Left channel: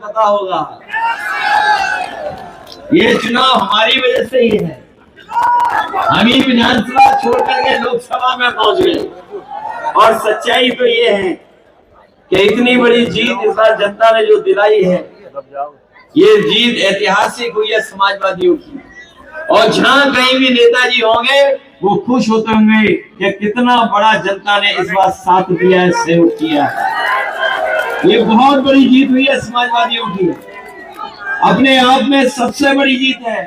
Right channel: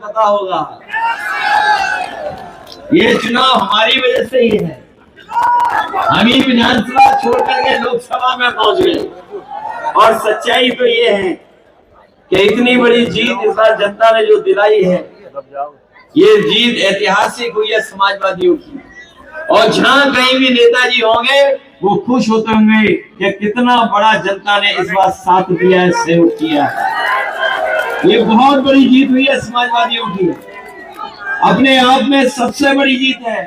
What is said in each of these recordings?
पता होगा, ये चुनाव हमारी वजह से ही है। हम ही विधानसभा छोड़ करके लोकसभा में पहुंच गए। और सच्चाई तो ये है कि इतनी बड़ी जीत इस बार जनता ने जो दिलाई है, ये जीत ऐतिहासिक हुई है समाजवादियों की। और जहां कहीं भी नेताजी होंगे वो खुश होते होंगे कि कितना बड़ा जनता ने इस बार साथ दिया है, सहयोग किया है। ये बहुत बड़ी जीत हुई है समाजवादियों की, अपने आप में सबसे बड़ी जीत है।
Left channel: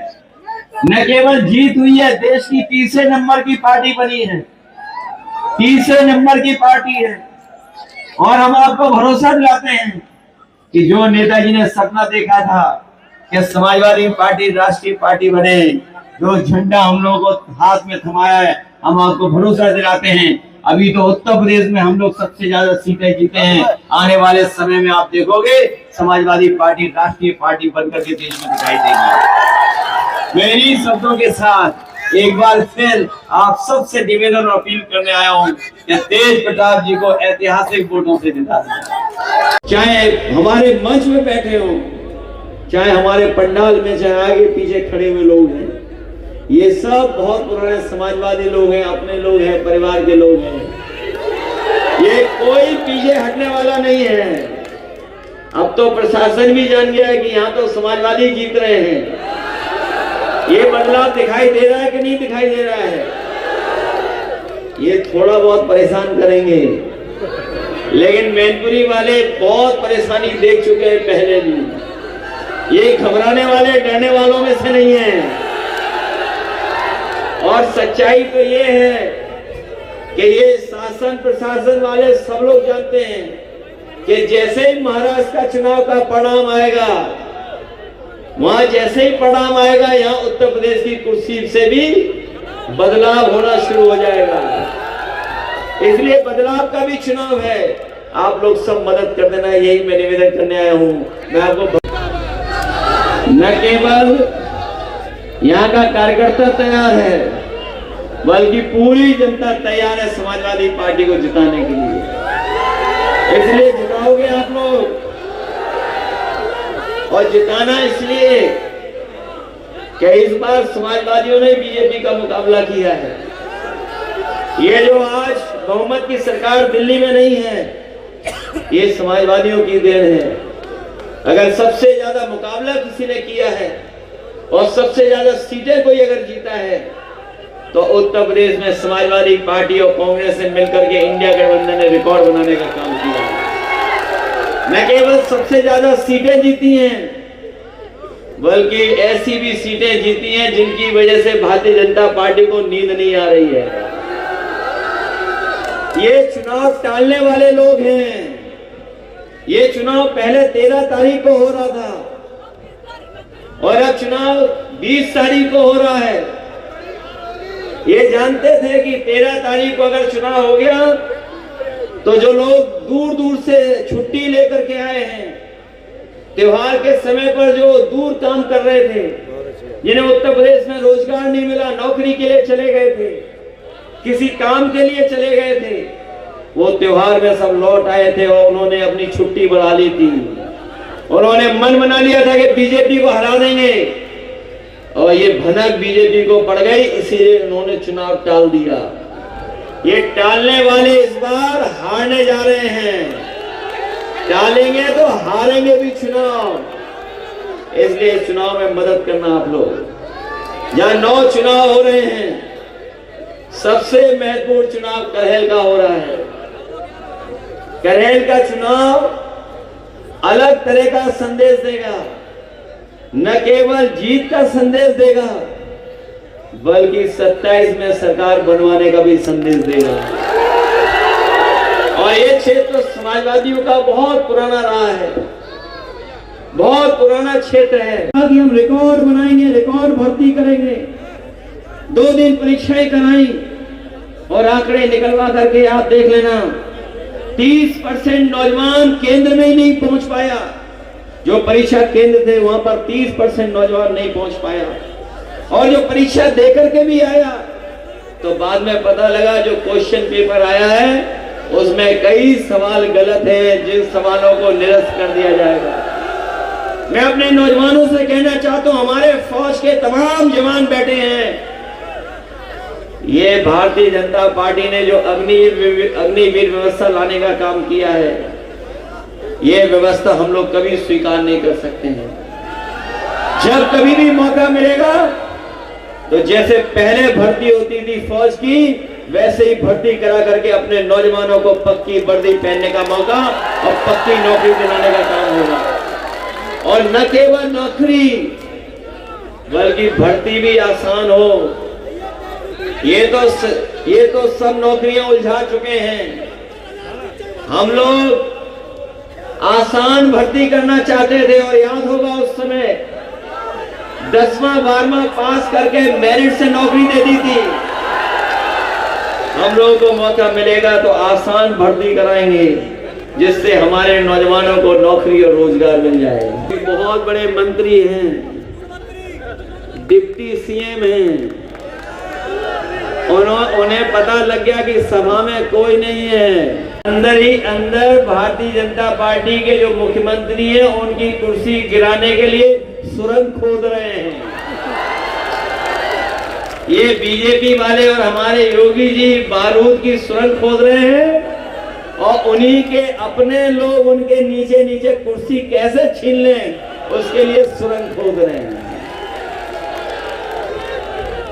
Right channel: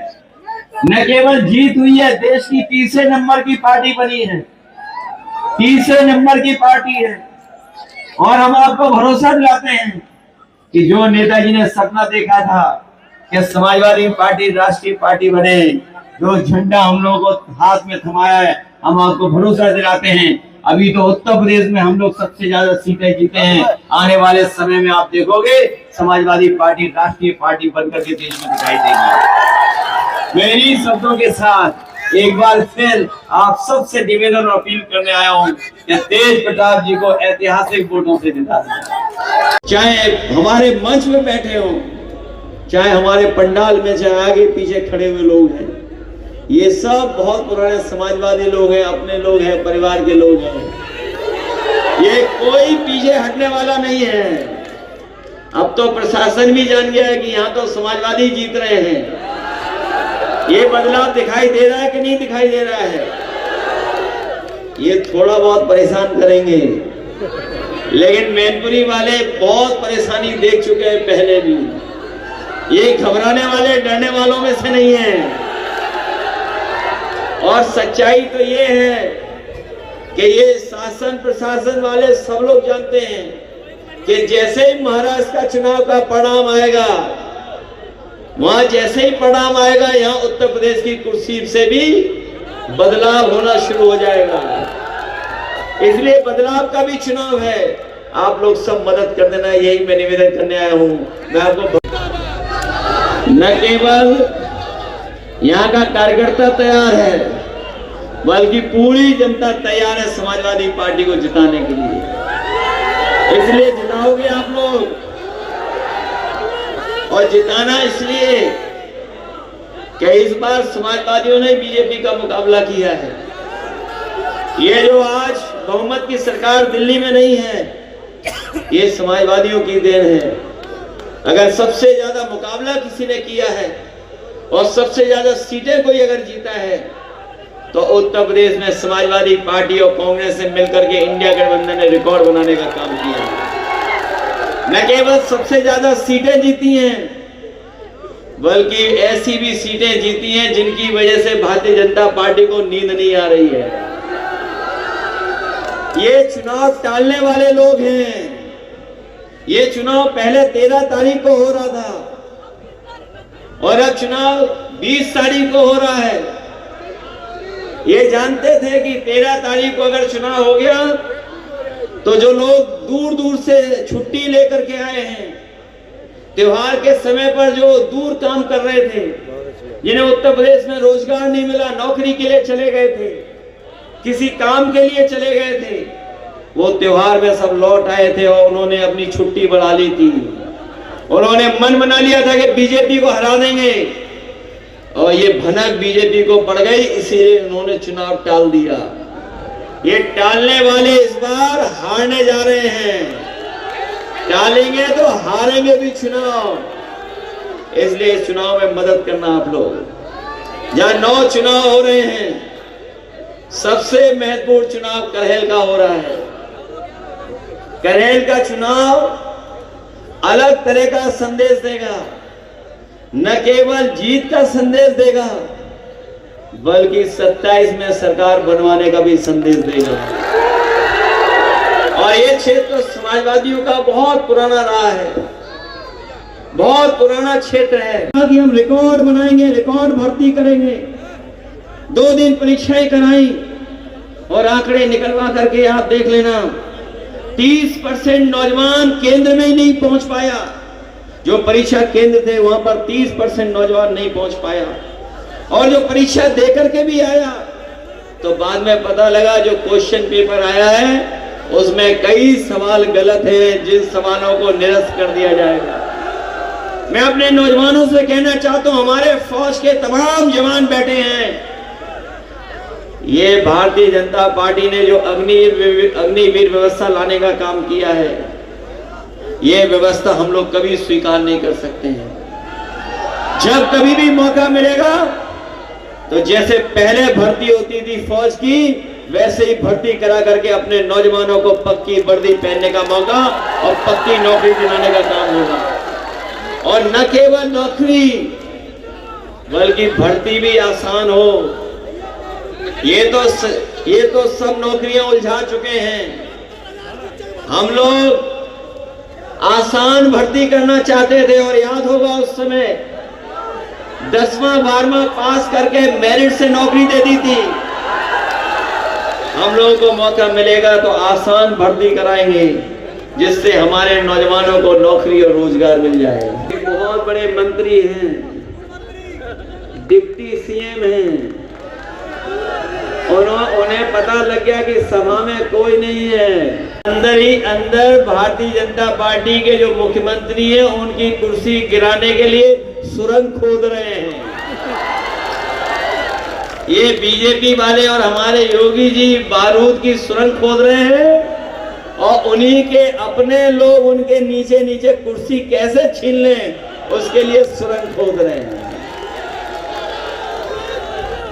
न केवल जीत हुई है, देश की तीसरे नंबर की पार्टी बनी है, तीसरे नंबर की पार्टी है। और हम आपको भरोसा दिलाते हैं कि जो नेताजी ने सपना देखा था कि समाजवादी पार्टी राष्ट्रीय पार्टी बने, जो झंडा हम लोगों को हाथ में थमाया है, हम आपको भरोसा दिलाते हैं अभी तो उत्तर प्रदेश में हम लोग सबसे ज्यादा सीटें जीते हैं। आने वाले समय में आप देखोगे समाजवादी पार्टी राष्ट्रीय पार्टी बनकर के देश में दिखाई देगी। मैं इन्हीं शब्दों के साथ एक बार फिर आप सबसे निवेदन और अपील करने आया हूँ कि तेज प्रताप जी को ऐतिहासिक वोटों से जिता दें। चाहे हमारे मंच में बैठे हो, चाहे हमारे पंडाल में, चाहे आगे पीछे खड़े हुए लोग हैं, ये सब बहुत पुराने समाजवादी लोग हैं, अपने लोग हैं, परिवार के लोग हैं। ये कोई पीछे हटने वाला नहीं है। अब तो प्रशासन भी जान गया है कि यहाँ तो समाजवादी जीत रहे हैं। ये बदलाव दिखाई दे रहा है कि नहीं दिखाई दे रहा है? ये थोड़ा बहुत परेशान करेंगे, लेकिन मैनपुरी वाले बहुत परेशानी देख चुके हैं पहले भी। ये घबराने वाले, डरने वालों में से नहीं है। और सच्चाई तो ये है कि ये शासन प्रशासन वाले सब लोग जानते हैं कि जैसे ही महाराष्ट्र का चुनाव का परिणाम आएगा, वहां जैसे ही परिणाम आएगा, यहाँ उत्तर प्रदेश की कुर्सी से भी बदलाव होना शुरू हो जाएगा। इसलिए बदलाव का भी चुनाव है। आप लोग सब मदद कर देना, यही मैं निवेदन करने आया हूँ। मैं आपको न केवल यहाँ का कार्यकर्ता तैयार है, बल्कि पूरी जनता तैयार है समाजवादी पार्टी को जिताने के लिए। इसलिए जिताओगे आप लोग, और जिताना इसलिए कि इस बार समाजवादियों ने बीजेपी का मुकाबला किया है। ये जो आज बहुमत की सरकार दिल्ली में नहीं है, ये समाजवादियों की देन है। अगर सबसे ज्यादा मुकाबला किसी ने किया है और सबसे ज्यादा सीटें कोई अगर जीता है, तो उत्तर प्रदेश में समाजवादी पार्टी और कांग्रेस से मिलकर के इंडिया गठबंधन ने रिकॉर्ड बनाने का काम किया है। न केवल सबसे ज्यादा सीटें जीती हैं, बल्कि ऐसी भी सीटें जीती हैं जिनकी वजह से भारतीय जनता पार्टी को नींद नहीं आ रही है। ये चुनाव टालने वाले लोग हैं। ये चुनाव पहले 13 तारीख को हो रहा था और अब चुनाव 20 तारीख को हो रहा है। ये जानते थे कि 13 तारीख को अगर चुनाव हो गया तो जो लोग दूर दूर से छुट्टी लेकर के आए हैं, त्योहार के समय पर जो दूर काम कर रहे थे, जिन्हें उत्तर प्रदेश में रोजगार नहीं मिला, नौकरी के लिए चले गए थे, किसी काम के लिए चले गए थे, वो त्योहार में सब लौट आए थे और उन्होंने अपनी छुट्टी बढ़ा ली थी। उन्होंने मन बना लिया था कि बीजेपी को हरा देंगे, और ये भनक बीजेपी को पड़ गई, इसीलिए उन्होंने चुनाव टाल दिया। ये टालने वाले इस बार हारने जा रहे हैं। टालेंगे तो हारेंगे भी चुनाव। इसलिए चुनाव में मदद करना आप लोग। जहां 9 चुनाव हो रहे हैं, सबसे महत्वपूर्ण चुनाव करहेल का हो रहा है। करहेल का चुनाव अलग तरह का संदेश देगा। न केवल जीत का संदेश देगा, बल्कि 27 में सरकार बनवाने का भी संदेश देगा। और ये क्षेत्र समाजवादियों का बहुत पुराना रहा है, बहुत पुराना क्षेत्र है। हम रिकॉर्ड बनाएंगे, रिकॉर्ड भर्ती करेंगे। 2 दिन परीक्षाएं कराई और आंकड़े निकलवा करके आप देख लेना, 30% नौजवान केंद्र में ही नहीं पहुंच पाया। जो परीक्षा केंद्र थे वहां पर 30% नौजवान नहीं पहुंच पाया, और जो परीक्षा देकर के भी आया तो बाद में पता लगा जो क्वेश्चन पेपर आया है उसमें कई सवाल गलत हैं, जिन सवालों को निरस्त कर दिया जाएगा। मैं अपने नौजवानों से कहना चाहता हूं, हमारे फौज के तमाम जवान बैठे हैं, ये भारतीय जनता पार्टी ने जो अग्निवीर व्यवस्था लाने का काम किया है, ये व्यवस्था हम लोग कभी स्वीकार नहीं कर सकते हैं। जब कभी भी मौका मिलेगा तो जैसे पहले भर्ती होती थी फौज की, वैसे ही भर्ती करा करके अपने नौजवानों को पक्की वर्दी पहनने का मौका और पक्की नौकरी दिलाने का काम होगा। और न केवल नौकरी बल्कि भर्ती भी आसान हो। ये तो सब नौकरियां उलझा चुके हैं। हम लोग आसान भर्ती करना चाहते थे और याद होगा उस समय 10वां 12वां पास करके मेरिट से नौकरी दे दी थी। हम लोगों को मौका मिलेगा तो आसान भर्ती कराएंगे, जिससे हमारे नौजवानों को नौकरी और रोजगार मिल जाए। बहुत बड़े मंत्री हैं, डिप्टी सीएम हैं, उन्हें पता लग गया कि सभा में कोई नहीं है। अंदर ही अंदर भारतीय जनता पार्टी के जो मुख्यमंत्री हैं उनकी कुर्सी गिराने के लिए सुरंग खोद रहे हैं। ये बीजेपी वाले और हमारे योगी जी बारूद की सुरंग खोद रहे हैं और उन्हीं के अपने लोग उनके नीचे नीचे कुर्सी कैसे छीन लें उसके लिए सुरंग खोद रहे हैं।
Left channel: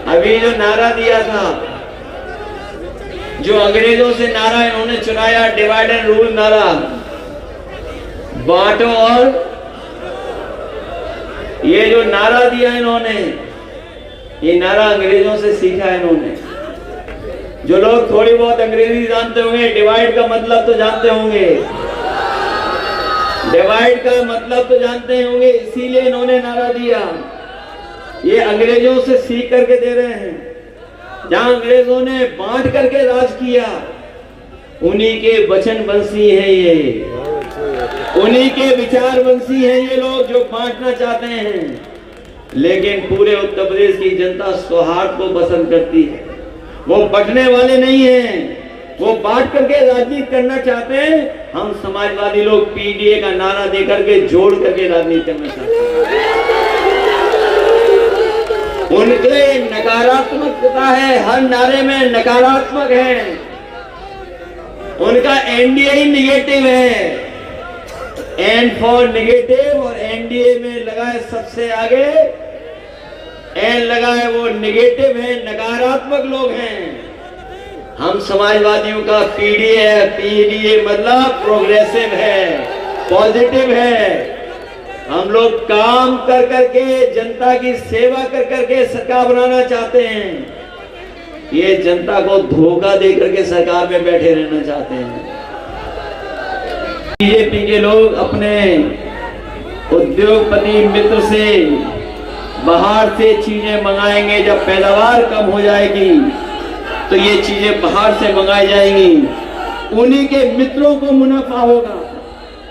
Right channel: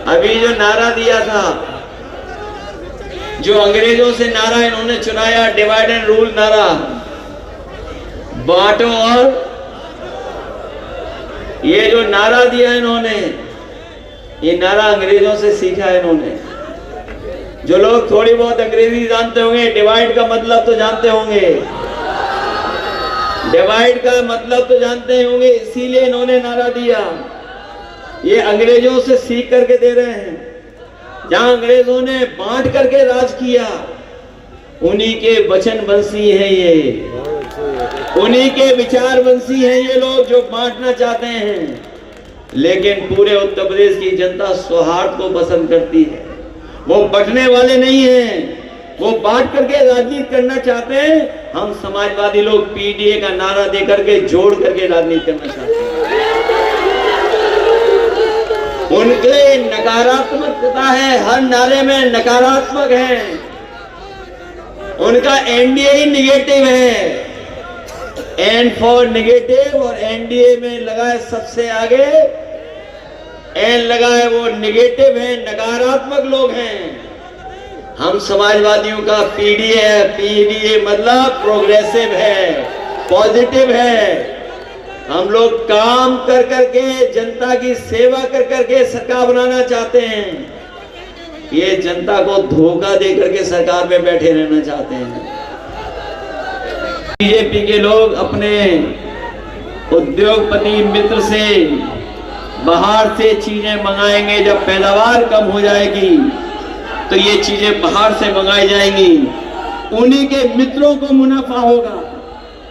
अभी जो नारा दिया था, जो अंग्रेजों से नारा इन्होंने चुनाया, डिवाइड एंड रूल नारा, बांटो, और ये जो नारा दिया इन्होंने, ये नारा अंग्रेजों से सीखा है इन्होंने। जो लोग थोड़ी बहुत अंग्रेजी जानते होंगे, डिवाइड का मतलब तो जानते होंगे, डिवाइड का मतलब तो जानते होंगे, इसीलिए इन्होंने नारा दिया। ये अंग्रेजों से सीख करके दे रहे हैं। जहां अंग्रेजों ने बांट करके राज किया, उन्हीं के वचनवंशी हैं ये, उन्हीं के विचारवंशी हैं ये लोग जो बांटना चाहते हैं। लेकिन पूरे उत्तर प्रदेश की जनता सौहार्द को पसंद करती है, वो बंटने वाले नहीं हैं, वो बांट करके राजनीति करना चाहते हैं। हम समाजवादी लोग पीडीए का नारा दे करके जोड़ करके राजनीति करना चाहते हैं। उनके नकारात्मकता है, हर नारे में नकारात्मक है। उनका एनडीए ही निगेटिव है, एन फॉर निगेटिव, और एनडीए में लगा है सबसे आगे एन लगा है, वो निगेटिव है, नकारात्मक लोग हैं। हम समाजवादियों का पीडीए है, पीडीए मतलब प्रोग्रेसिव है, पॉजिटिव है। हम लोग काम कर करके, जनता की सेवा कर करके सरकार बनाना चाहते हैं। ये जनता को धोखा दे करके सरकार में बैठे रहना चाहते हैं। बीजेपी के लोग अपने उद्योगपति मित्र से बाहर से चीजें मंगाएंगे। जब पैदावार कम हो जाएगी तो ये चीजें बाहर से मंगाई जाएंगी, उन्हीं के मित्रों को मुनाफा होगा।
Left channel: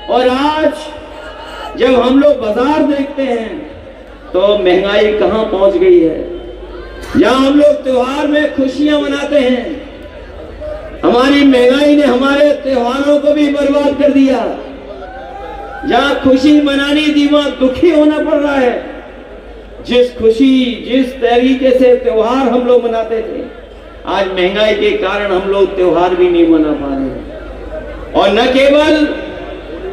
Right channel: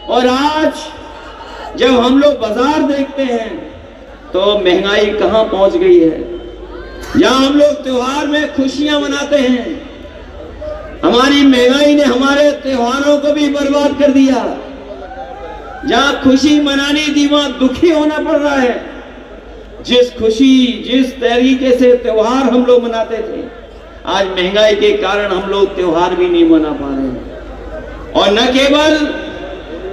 और आज जब हम लोग बाजार देखते हैं तो महंगाई कहां पहुंच गई है। जहां हम लोग त्योहार में खुशियां मनाते हैं, हमारी महंगाई ने हमारे त्योहारों को भी बर्बाद कर दिया। जहां खुशी मनानी थी वहां दुखी होना पड़ रहा है। जिस तरीके से त्योहार हम लोग मनाते थे, आज महंगाई के कारण हम लोग त्योहार भी नहीं मना पा रहे। और न केवल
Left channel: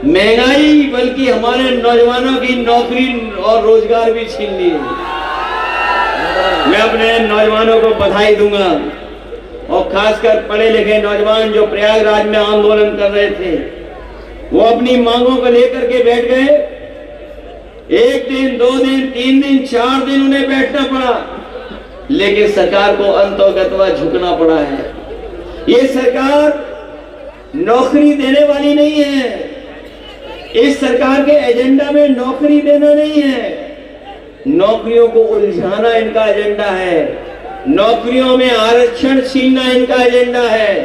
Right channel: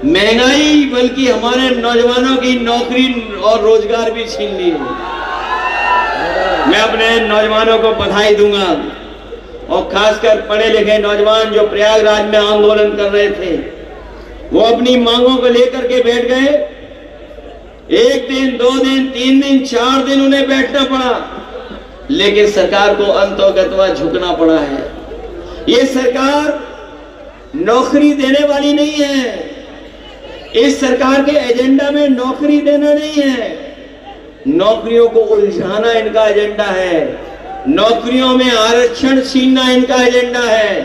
महंगाई बल्कि हमारे नौजवानों की नौकरी और रोजगार भी छीन लिए। मैं अपने नौजवानों को बधाई दूंगा, और खासकर पढ़े लिखे नौजवान जो प्रयागराज में आंदोलन कर रहे थे, वो अपनी मांगों को लेकर के बैठ गए। 1 दिन 2 दिन 3 दिन 4 दिन उन्हें बैठना पड़ा, लेकिन सरकार को अंततः झुकना पड़ा है। ये सरकार नौकरी देने वाली नहीं है। इस सरकार के एजेंडा में नौकरी देना नहीं है, नौकरियों को उलझाना इनका एजेंडा है। नौकरियों में आरक्षण छीनना इनका एजेंडा है।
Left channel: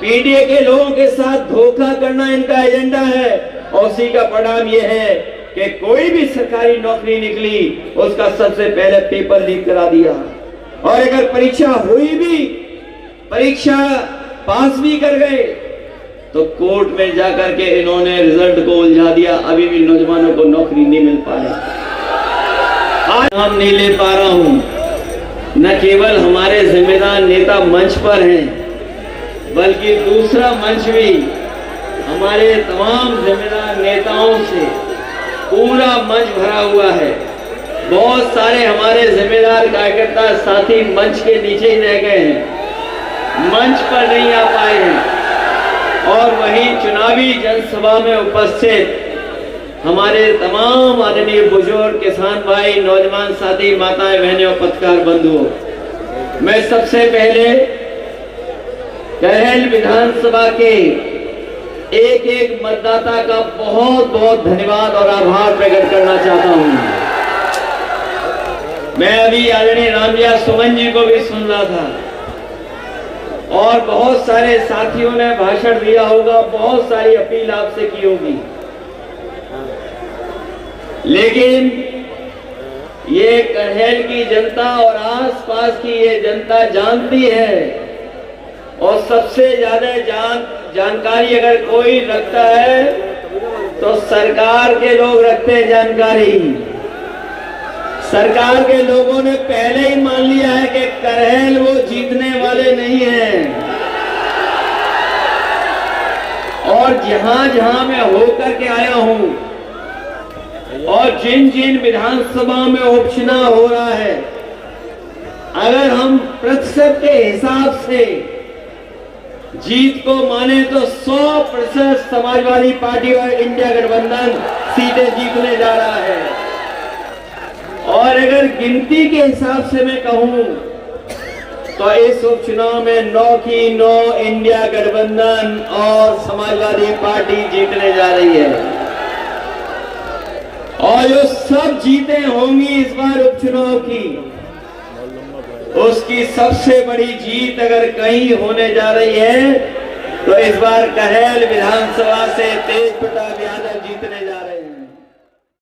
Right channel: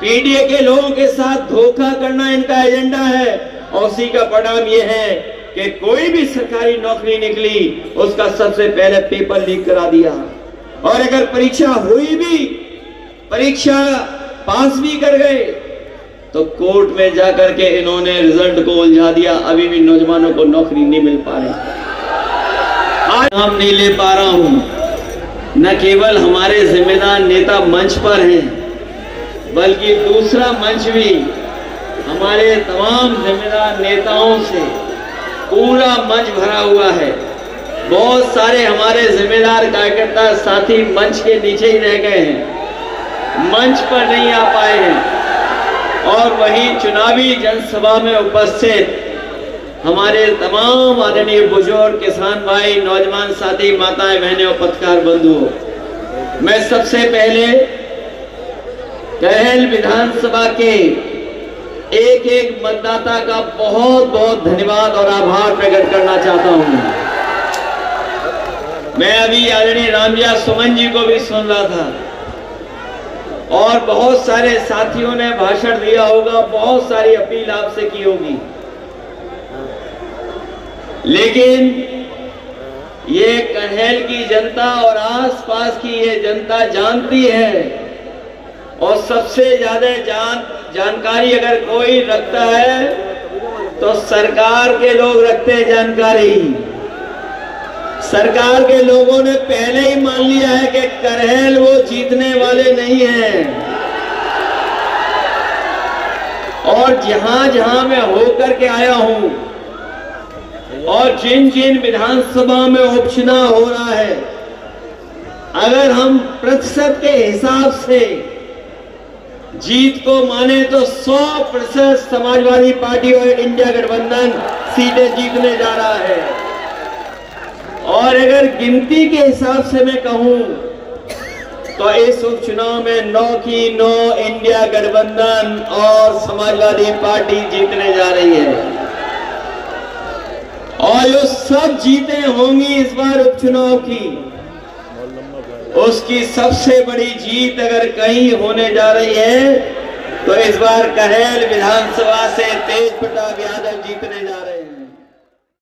पीडीए के लोगों के साथ धोखा करना इनका एजेंडा है। और उसी का परिणाम यह है कि कोई भी सरकारी नौकरी निकली, उसका सबसे पहले पेपर लीक करा दिया। और अगर परीक्षा हुई भी, परीक्षा पास भी कर गए, तो कोर्ट में जाकर के इन्होंने रिजल्ट को उलझा दिया, अभी भी नौजवानों को नौकरी नहीं मिल पा रही। आज नाम नहीं ले पा रहा हूं, न केवल हमारे जिम्मेदार नेता मंच पर हैं, बल्कि दूसरा मंच भी हमारे तमाम जिम्मेदार नेताओं से पूरा मंच भरा हुआ है। बहुत सारे हमारे जिम्मेदार कार्यकर्ता साथी मंच के नीचे ही रह गए हैं, मंच पर नहीं आ पाए हैं। और वहीं चुनावी जनसभा में उपस्थित हमारे तमाम आदरणीय बुजुर्ग, किसान भाई, नौजवान साथी, माताएं, बहनें और पत्रकार बंधुओं, मैं सबसे पहले करहेल विधानसभा के एक एक मतदाता का बहुत बहुत धन्यवाद और आभार प्रकट करना चाहता हूं। मैं अभी आदरणीय रामविलास सुमन जी को भी सुन रहा था और बहुत सारे साथियों ने भाषण दिया होगा, बहुत सारी अपील आपसे की होगी, लेकिन ये करहेल की जनता और आसपास की ये जनता जानती है। और सबसे ज्यादा जानकारी अगर कोई रखता है तो सरकार के लोग रखते हैं जानकारी। सरकार के लोगों ने पहले ही मान लिया है कि करहेल वो जीतने वाले नहीं हैं। और जहां जहां मैं होकर के आया हूं और जिन जिन विधानसभा में उपचुनाव हो रहा है, अगर हम प्रतिशत के हिसाब से जीत को माने तो 100% समाजवादी पार्टी और इंडिया गठबंधन सीटें जीतने जा रहा है। और अगर गिनती के हिसाब से मैं कहूं तो इस उपचुनाव में 9 की 9 इंडिया गठबंधन और समाजवादी पार्टी जीतने जा रही है। और जो सब जीतें होंगी इस बार उपचुनाव की, उसकी सबसे बड़ी जीत अगर कहीं होने जा रही है तो इस बार करहेल विधानसभा से तेज प्रताप यादव जीतने